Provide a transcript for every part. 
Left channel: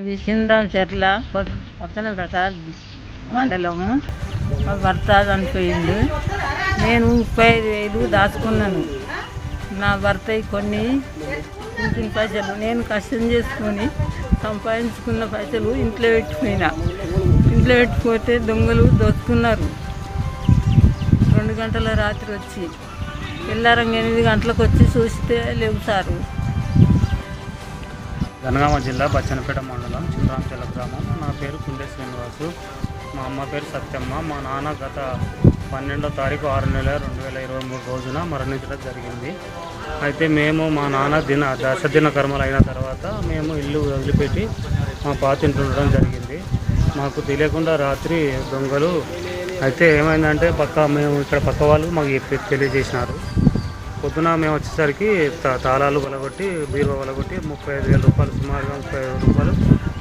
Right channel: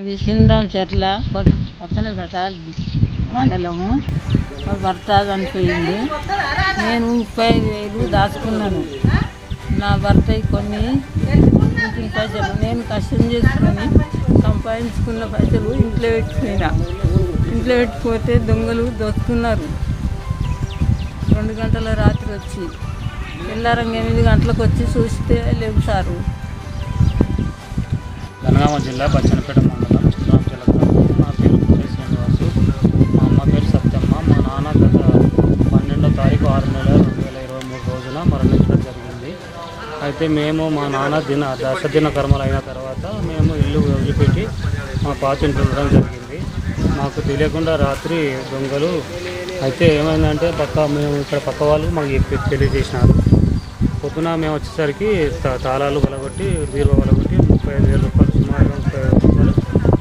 అది సిందాం చెట్ల పక్కన మండలము. మా భర్త చనిపోయిండు. నేను 35,000 దాచుకున్నాను. నా భర్త కొన్ని ఇంటిన పైసలు నేను కష్టం చేసుకొని సంపాదించుకున్న పైసలు ఇంట్లో పెట్టుకోతే దొంగలు దోచుకున్నారు. 2 గంటల రాత్రి వచ్చి తెల్లారంగా 8 గంటలకు వచ్చి చూస్తే లేవు సారు. జనగామ జిల్లా బచ్చన్నపేట మండలం చింతరాంచెల గ్రామం. నా పేరు పుల్లె శ్రీనివాసు. మా అమ్మ పేరు సత్యమ్మ. మా నాన్న గత 12వ తారీఖు 6 నెల 2023 రోజున మరణించడం జరిగింది. అయితే మేము మా నాన్న దశదిన కర్మలు అయిన తర్వాత మేము ఇల్లు వదిలిపెట్టి మా పాత ఇంట్లో ఉండడం జరిగింది. మాకు తెలియకుండా రాత్రి దొంగలు అయితే ఏమైందంటే మేము ఇక్కడ పక్క వాళ్ళు మాకు తెలియజేసినారు. పొద్దున మేము వచ్చేసరికి తాళాలు వలగొట్టి బీరువా వలగొట్టి 35,000 రూపాయలు, సుమారుగా 35,000 రూపాయలు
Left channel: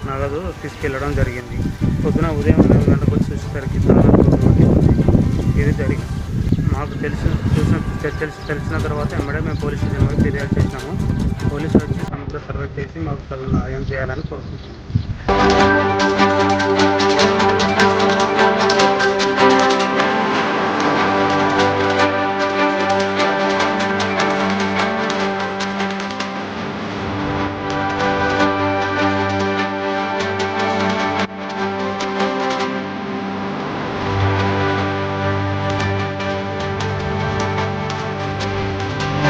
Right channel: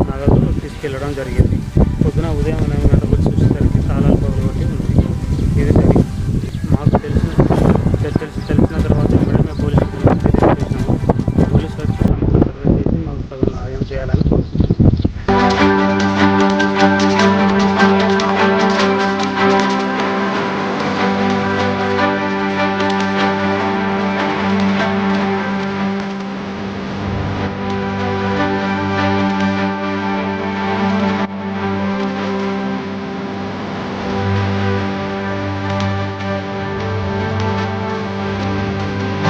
నగదు తీసుకెళ్ళడం జరిగింది. పొద్దున ఉదయం 9 గంటలకు వచ్చేసరికి తాళాలు వలగొట్టి ఉంది. ఇది జరిగింది. మాకు తెలిసిన తర్వాత వెంబడే మేము పోలీస్ స్టేషన్లో ఫిర్యాదు చేసినాము. పోలీసు వచ్చి సమగ్ర సర్వే చేసి మాకు తగిన న్యాయం చేయాలని కోరుకుంటున్నాము.